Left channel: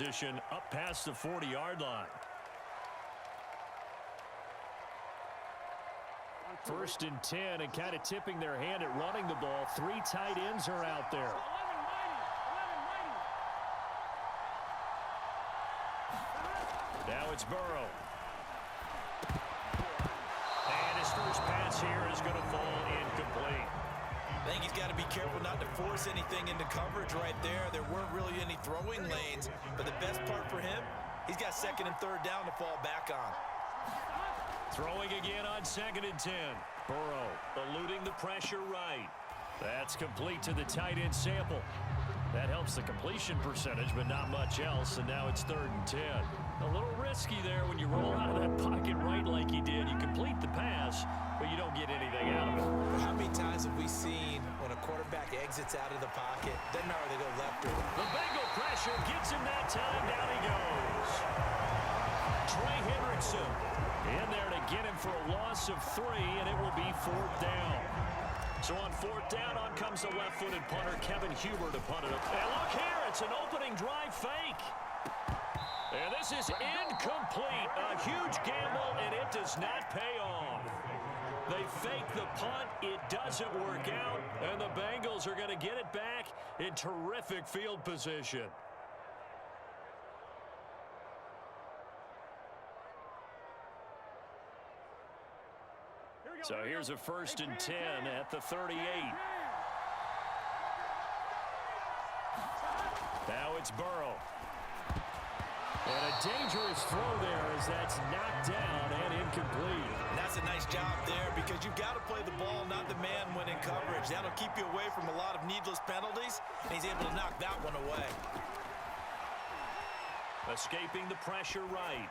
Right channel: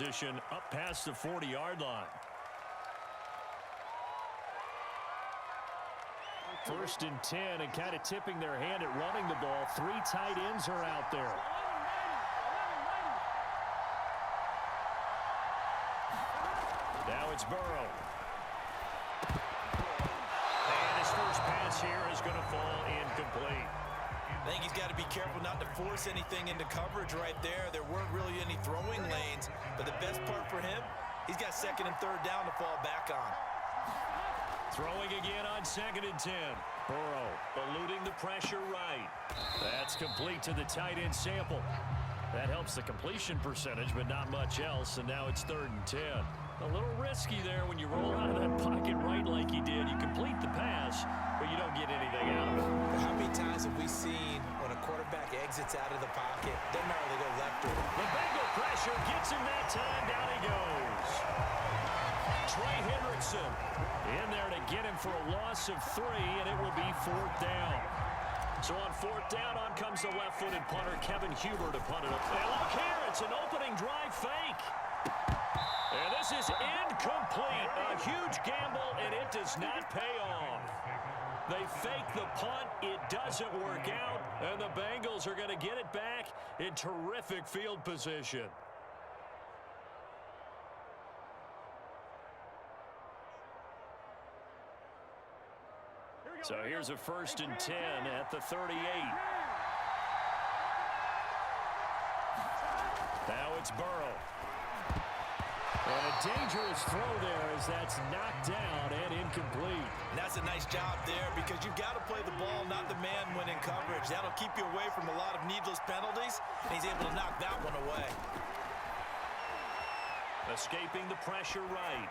position up past the 40-yard line. First and 10, and kind of tipping their hand at running the ball. 3 tight ends are out there. Now it's Burrow. And his first pass here is going to fall incomplete. I think he's got to be careful not to force anything into coverage right there. There weren't really any throwing lanes, but the best part for him, he's got second and third down to fall back on. Throwing again on second and 10. Burrow eluding the pressure right. That's complete to the tight end Sample. That helps the completion percentage, but not much else, and now it's third and 10. A little risky there when you roll out of that pocket right like he did. You complete the pass, but you don't get anything out of it. How many times have we seen when a quarterback exits out of the pocket, doesn't matter whether they go left or right? The Bengal pressure gets him that time. Down he goes. Trey Hendrickson in there to get him for a loss of 3, and it will be 4th down. So on 4th down, on comes the left-footed punter, Kevin Huber, to punt it up. And look here, it's an opening drive fake. And this is incomplete. A huge gamble, and it does not pay off. They fake the punt. It doesn't work out, and the Bengals are going to get it back in terrific field position. So here's a 1st and 10 at the 38. Now it's Burrow. And a dangerous throw there as that's knocked down and incomplete. And that's a nice job there because you've got to play the ball, not the man when in coverage. That'll keep you away from a lot of needless penalties, and he's able to knock that one away. Escaping the pressure right.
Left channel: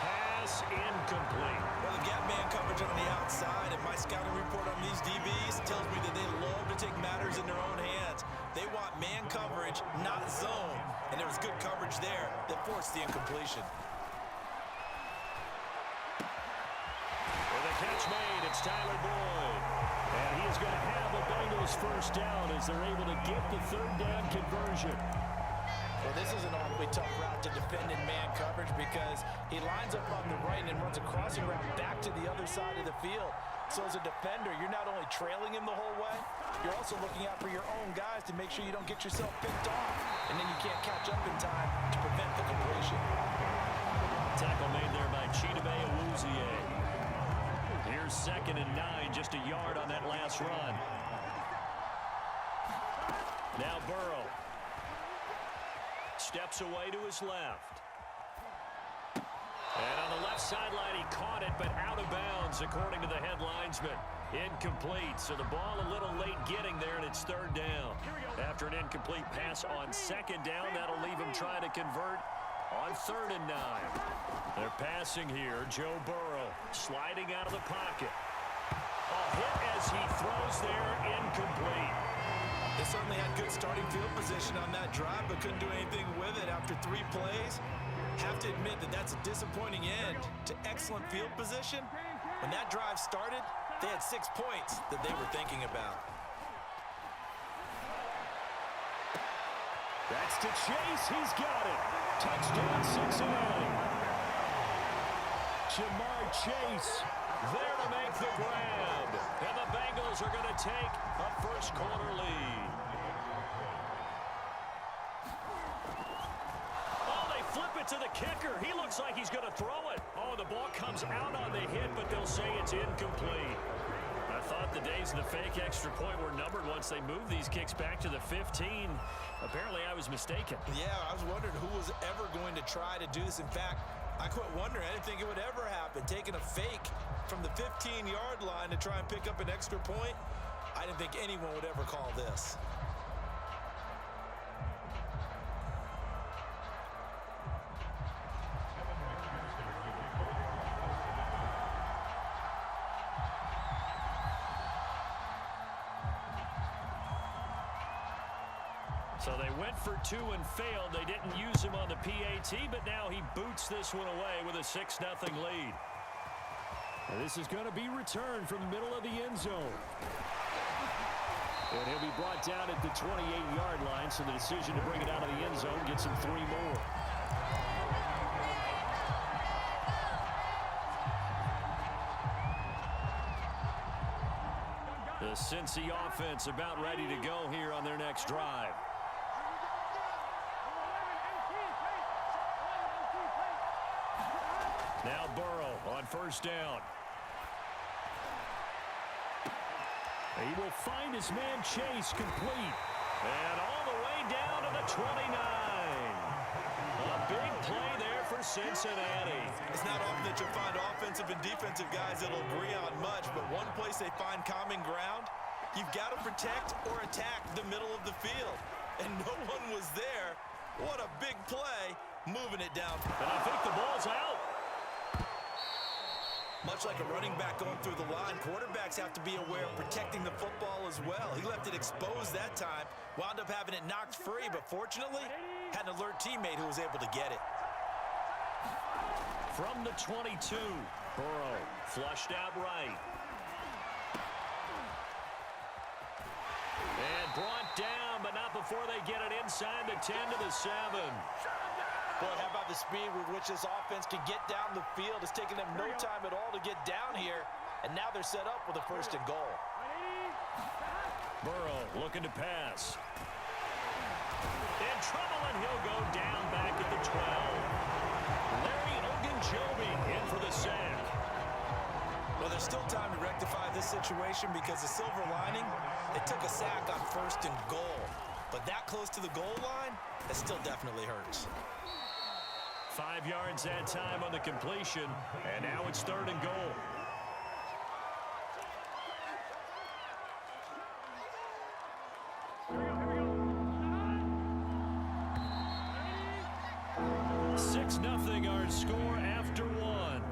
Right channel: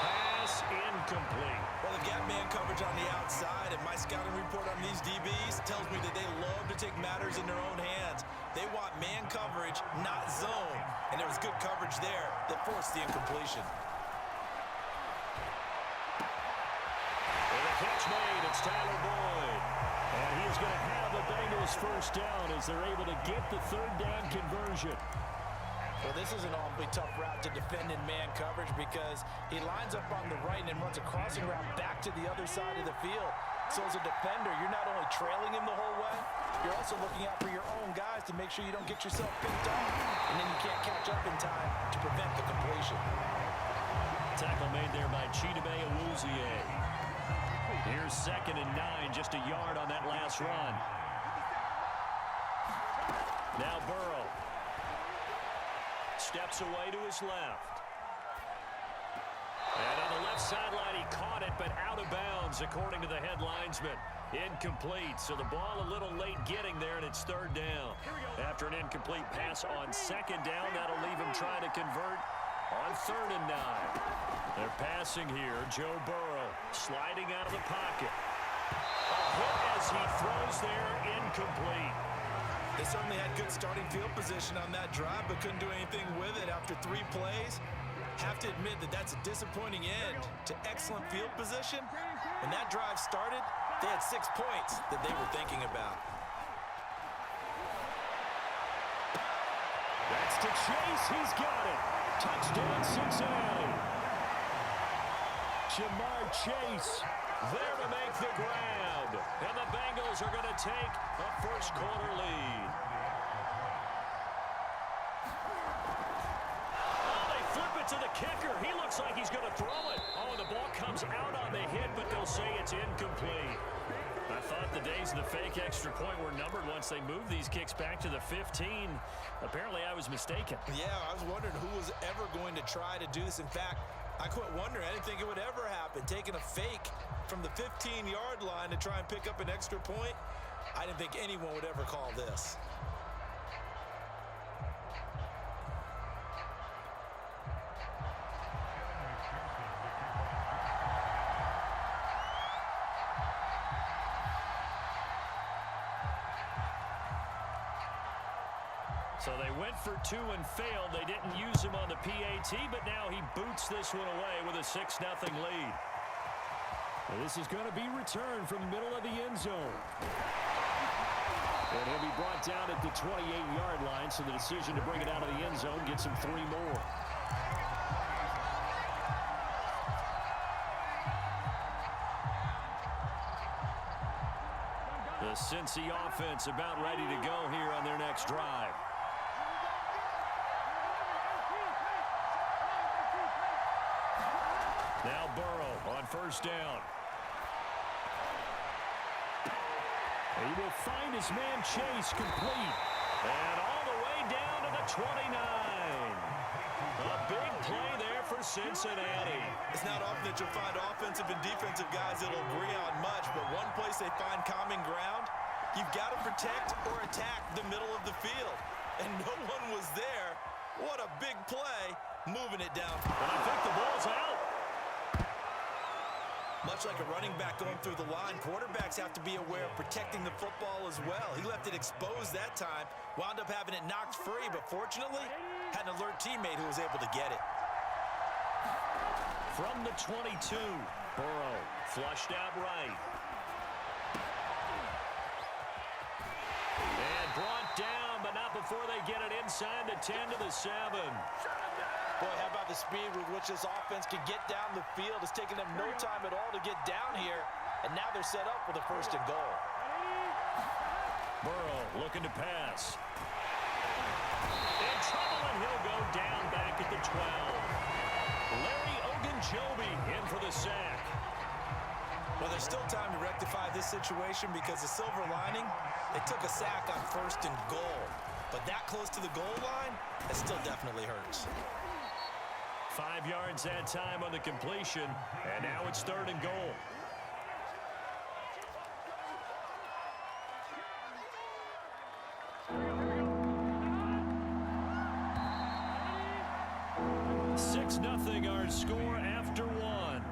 Pass incomplete. Well, they've got man coverage on the outside, and my scouting report on these DBs tells me that they love to take matters in their own hands. They want man coverage, not zone, and there was good coverage there that forced the incompletion. With a catch made, it's Tyler Boyd. And he is going to have the Bengals first down as they're able to get the 3rd down conversion. Well, this is an awfully tough route to defend in man coverage because he lines up on the right and then runs a crossing route back to the other side of the field. So as a defender, you're not only trailing him the whole way, you're also looking out for your own guys to make sure you don't get yourself picked off. And then you can't catch up in time to prevent the completion. Tackle made there by Chidobe Awuzie. Here's 2nd and 9, just a yard on that last run. Now Burrow. Steps away to his left. And on the left sideline, he caught it, but out of bounds, according to the head linesman. Incomplete, so the ball a little late getting there, and it's 3rd down. After an incomplete pass on 2nd down, that'll leave him trying to convert on 3rd and 9. They're passing here. Joe Burrow sliding out of the pocket. A hit as he throws there, incomplete. They certainly had good starting field position on that drive, but couldn't do anything with it after 3 plays. Have to admit that that's a disappointing end to excellent field position. When that drive started, they had 6 points that they were thinking about. That's to Chase. He's got it. Touchdown, Cincinnati. Jamar Chase there to make the grab. And the Bengals are going to take a first-quarter lead. Oh, they flip it to the kicker. He looks like he's going to throw it. Oh, the ball comes out on the hit, but they'll say it's incomplete. I thought the days of the fake extra point were numbered once they moved these kicks back to the 15. Apparently, I was mistaken. Yeah, I was wondering who was ever going to try to do this. In fact, I quit wondering. I didn't think it would ever happen. Taking a fake from the 15-yard line to try and pick up an extra point, I didn't think anyone would ever call this. So they went for 2 and failed. They didn't use him on the PAT, but now he boots this one away with a 6-0 lead. And this is going to be returned from the middle of the end zone. And he'll be brought down at the 28-yard line, so the decision to bring it out of the end zone gets him 3 more. The Cincy offense about ready to go here on their next drive. Now Burrow on first down. He will find his man Chase complete. And all the way down to the 29. A big play there for Cincinnati. It's not often that you'll find offensive and defensive guys that'll agree on much, but one place they find common ground, you've got to protect or attack the middle of the field. And no one was there. What a big play, moving it down. And I think the ball's out. Much like a running back going through the line, quarterbacks have to be aware of protecting the football as well. He left it exposed that time, wound up having it knocked free, but fortunately, had an alert teammate who was able to get it. From the 22, Burrow flushed out right. And brought down, but not before they get it inside the 10 to the 7. Boy, how about the speed with which this offense can get down the field? It's taken them no time at all to get down here, and now they're set up with a 1st and goal. Burrow looking to pass. In trouble, and he'll go down back at the 12. Larry Ogunjobi in for the sack. Well, there's still time to rectify this situation because the silver lining, they took a sack on 1st and goal. But that close to the goal line, that still definitely hurts. 5 yards that time on the completion, and now it's 3rd and goal. Six 0 our score after 1.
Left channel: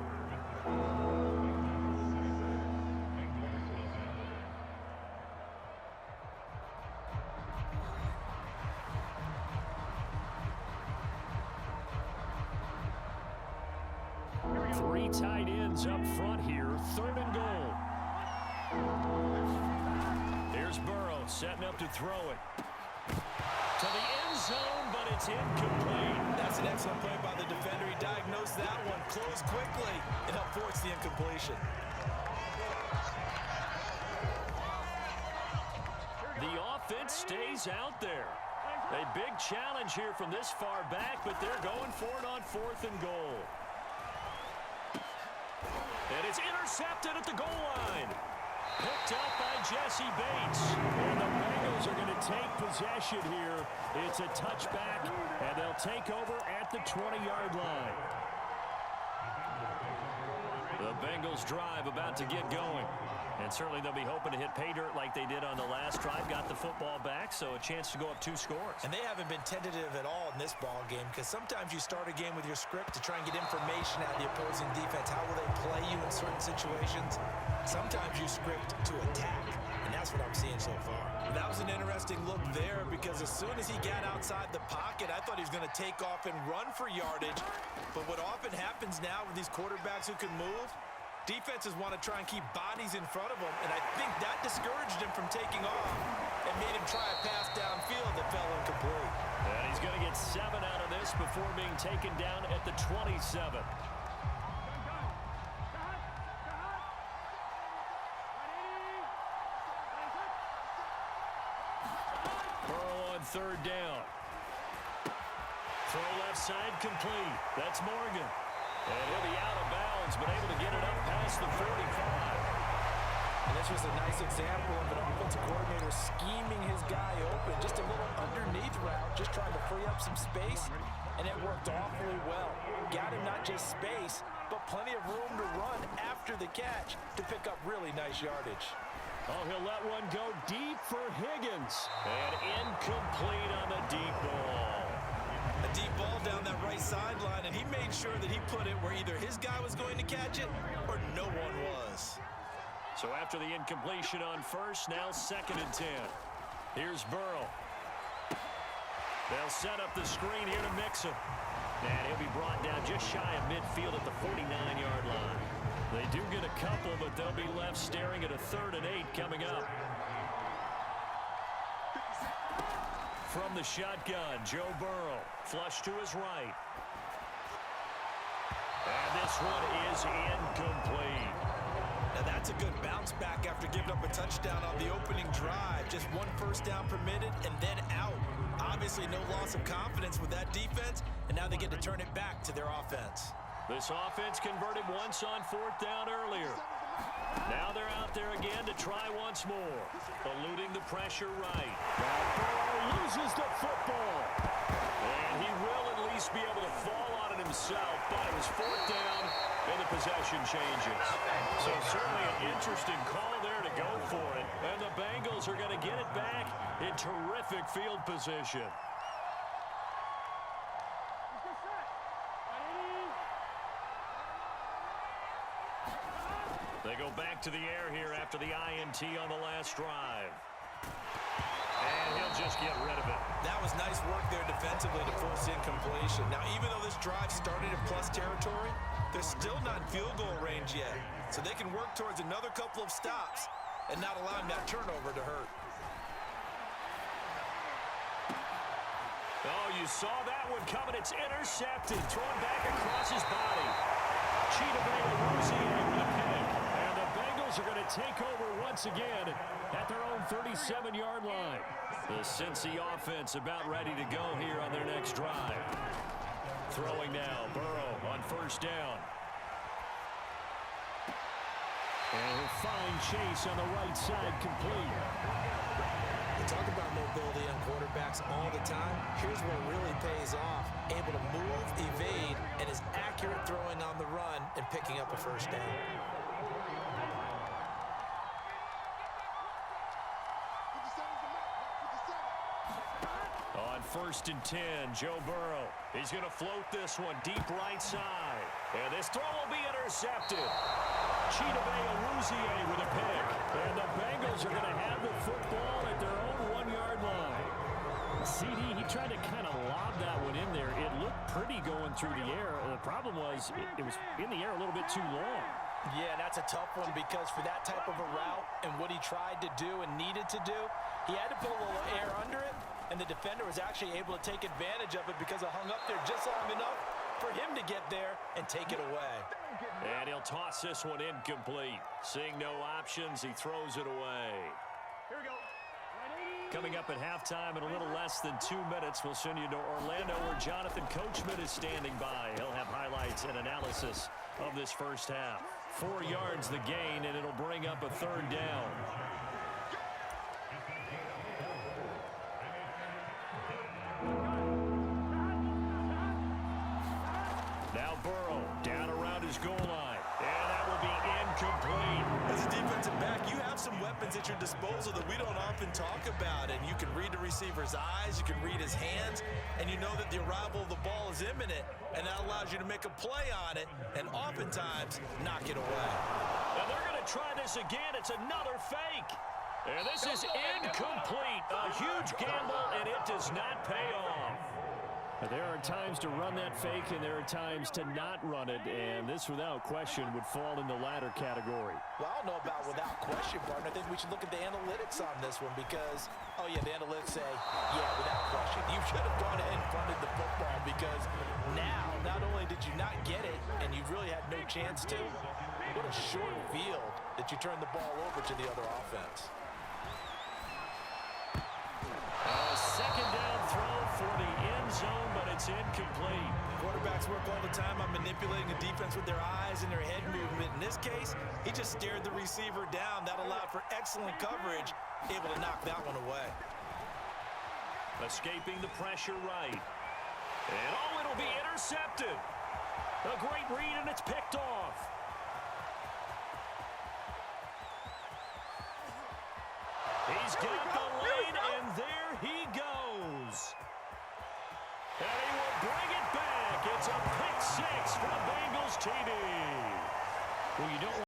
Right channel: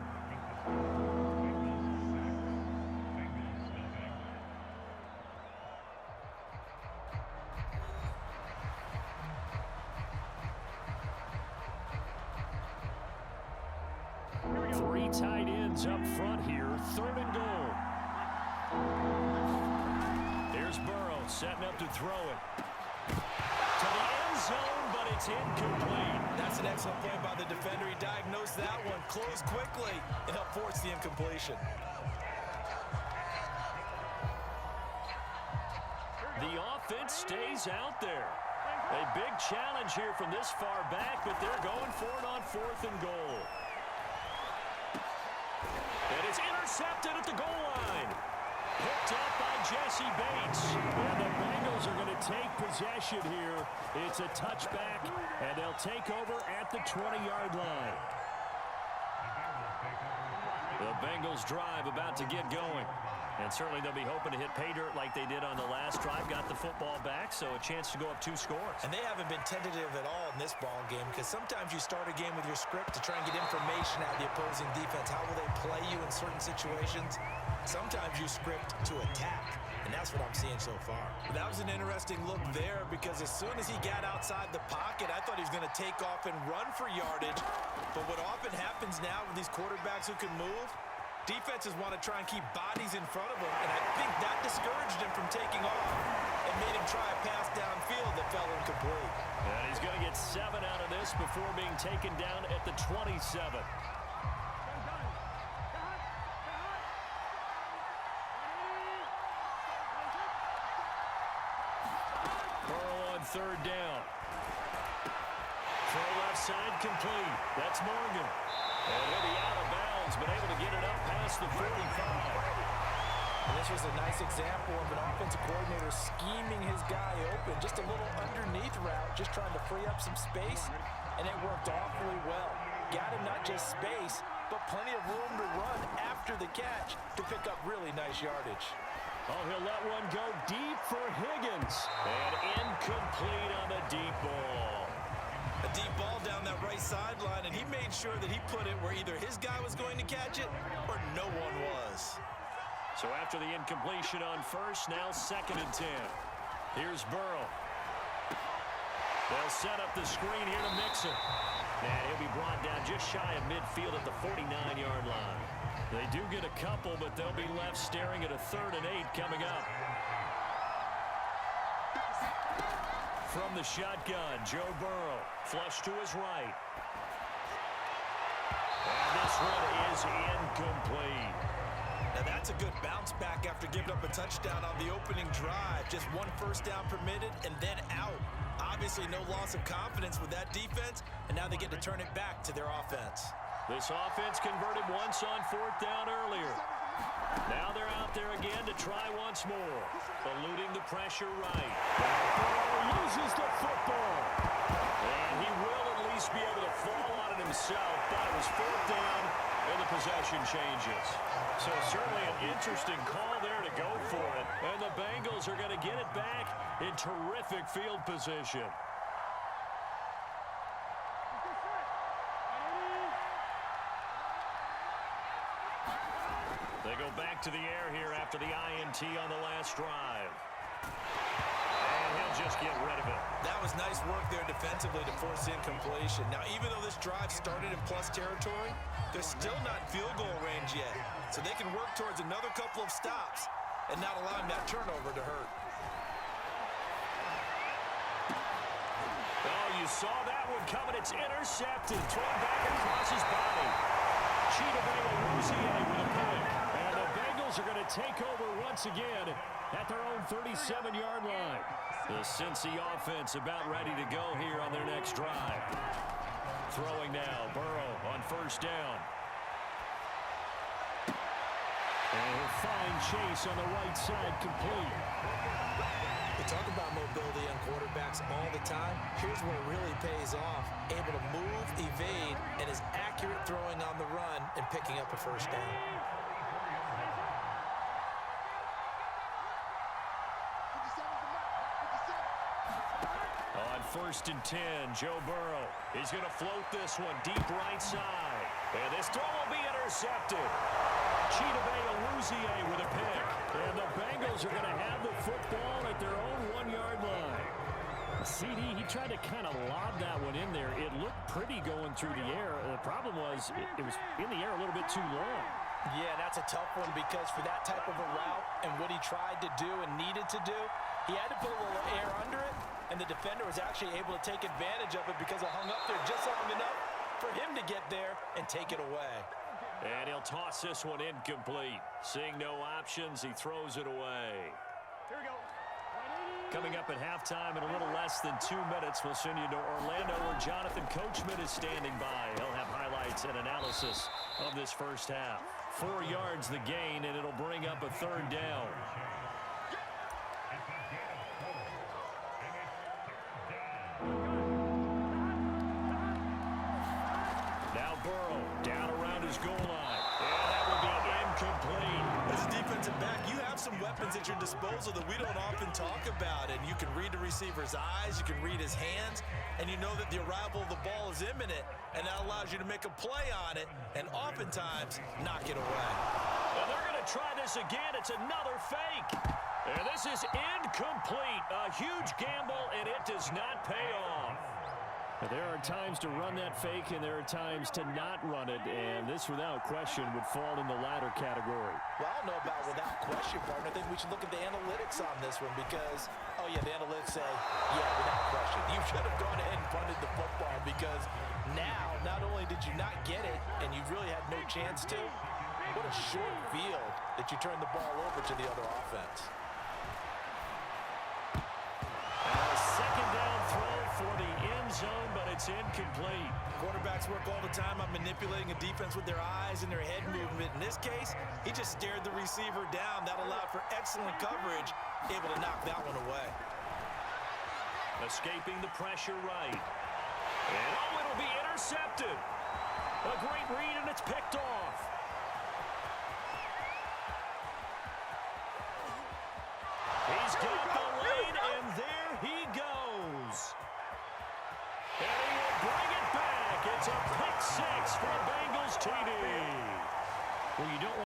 Three tight ends up front here, 3rd and goal. Here's Burrow setting up to throw it. To the end zone, but it's incomplete. That's an excellent play by the defender. He diagnosed that one, closed quickly, and helped force the incompletion. The offense stays out there. A big challenge here from this far back, but they're going for it on 4th and goal. And it's intercepted at the goal line. Picked up by Jesse Bates. And the Bengals are going to take possession here. It's a touchback, and they'll take over at the 20-yard line. The Bengals drive about to get going. And certainly they'll be hoping to hit pay dirt like they did on the last drive. Got the football back, so a chance to go up 2 scores. And they haven't been tentative at all in this ball game because sometimes you start a game with your script to try and get information out of the opposing defense. How will they play you in certain situations? Sometimes you script to attack, and that's what I'm seeing so far. But that was an interesting look there because as soon as he got outside the pocket, I thought he was going to take off and run for yardage. But what often happens now with these quarterbacks who can move, defenses want to try and keep bodies in front of them, and I think that discouraged him from taking off and made him try a pass downfield that fell incomplete. And he's going to get 7 out of this before being taken down at the 27. Burrow on 3rd down. Throw left side complete. That's Morgan. And he'll be out of bounds, but able to get it up past the 45. And this was a nice example of an offensive coordinator scheming his guy open. Just a little underneath route, just trying to free up some space, and it worked awfully well. Got him not just space, but plenty of room to run after the catch to pick up really nice yardage. Oh, he'll let one go deep for Higgins. And incomplete on the deep ball. A deep ball down that right sideline, and he made sure that he put it where either his guy was going to catch it or no one was. So after the incompletion on 1st, now 2nd and 10. Here's Burrow. They'll set up the screen here to Mixon. And he'll be brought down just shy of midfield at the 49-yard line. They do get a couple, but they'll be left staring at a 3rd and 8 coming up. From the shotgun, Joe Burrow, flush to his right. And this one is incomplete. Now that's a good bounce back after giving up a touchdown on the opening drive. Just one first down permitted and then out. Obviously no loss of confidence with that defense, and now they get to turn it back to their offense. This offense converted once on fourth down earlier. Now they're out there again to try once more. Eluding the pressure right. Now Burrow loses the football. And he will at least be able to fall on it himself, but it was fourth down and the possession changes. So certainly an interesting call there to go for it. And the Bengals are going to get it back in terrific field position. They go back to the air here after the INT on the last drive. And he'll just get rid of it. That was nice work there defensively to force incompletion. Now, even though this drive started in plus territory, they're still not in field goal range yet. So they can work towards another couple of stops and not allowing that turnover to hurt. Oh, you saw that one coming. It's intercepted. Thrown back across his body. Chidobe with a pick. And the Bengals are going to take over once again at their own 37-yard line. The Cincy offense about ready to go here on their next drive. Throwing now, Burrow on first down. And he'll find Chase on the right side complete. We talk about mobility on quarterbacks all the time. Here's where it really pays off. Able to move, evade, and is accurate throwing on the run and picking up a first down. On 1st and 10, Joe Burrow. He's going to float this one deep right side. And this throw will be intercepted. Chidobe with a pick. And the Bengals are going to have the football at their own 1-yard line. CD, he tried to kind of lob that one in there. It looked pretty going through the air. The problem was it was in the air a little bit too long. Yeah, that's a tough one because for that type of a route and what he tried to do and needed to do, he had to put a little air under it, and the defender was actually able to take advantage of it because it hung up there just long enough for him to get there and take it away. And he'll toss this one incomplete. Seeing no options, he throws it away. Here we go. Coming up at halftime in a little less than 2 minutes, we'll send you to Orlando where Jonathan Coachman is standing by. He'll have highlights and analysis of this first half. 4 yards the gain, and it'll bring up a third down. Now Burrow down around his goal line. And that will be incomplete. As a defensive back, you have some weapons at your disposal that we don't often talk about. And you can read the receiver's eyes, you can read his hands, and you know that the arrival of the ball is imminent. And that allows you to make a play on it and oftentimes knock it away. And they're going to try this again. It's another fake. And this is incomplete. A huge gamble, and it does not pay off. There are times to run that fake, and there are times to not run it, and this, without question, would fall in the latter category. Well, I don't know about without question, partner. I think we should look at the analytics on this one because, oh, yeah, the analytics say, yeah, without question. You should have gone ahead and punted the football because now, not only did you not get it, and you really had no chance to, what a short field that you turned the ball over to the other offense. A second down throw for the end zone, but it's incomplete. Quarterbacks work all the time on manipulating a defense with their eyes and their head movement. In this case, he just stared the receiver down. That allowed for excellent coverage, able to knock that one away. Escaping the pressure right. And, oh, it'll be intercepted. A great read, and it's picked off. He's got the lane, and there he goes. And he will bring it back. It's a pick six for a Bengals TD. Well, you don't